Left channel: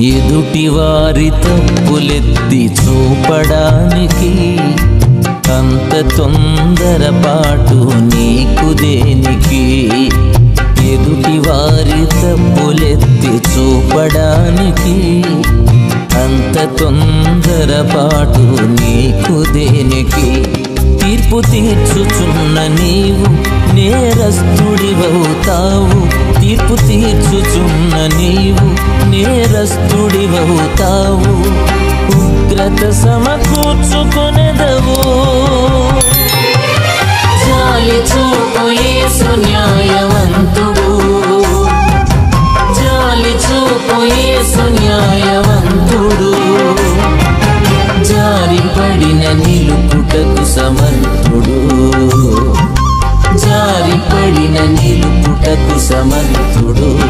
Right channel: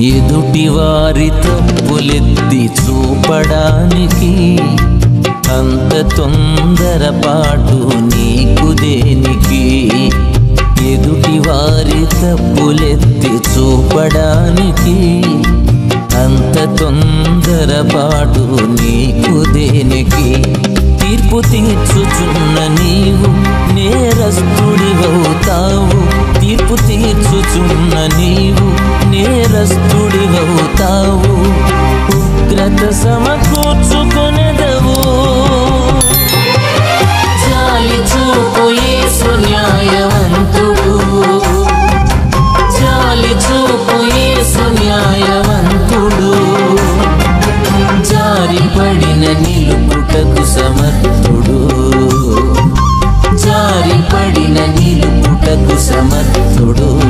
ఎదుటివారి తప్పులెత్తి చూపడానికి అంత తొందరపాటు నీకు దేనికి? ఎదుటివారి తప్పులెత్తి చూపడానికి అంత తొందరపాటు నీకు దేనికి? తీర్పు తీర్చుచున్న నీవు నేరస్తుడివవుతావు. తీర్పు తీర్చుచున్న నీవు నేరస్తుడివవుతావు. ఉగ్రత సమకూర్చుకొనెదవు. జాలి చూపు యేసు న్యాయవంతుడు. జాలి చూపు యేసు న్యాయవంతుడు. జారిపడిన నిలుపుటకు సమర్థుడు. జారిపడిన నిలుపుటకు సమర్థుడు.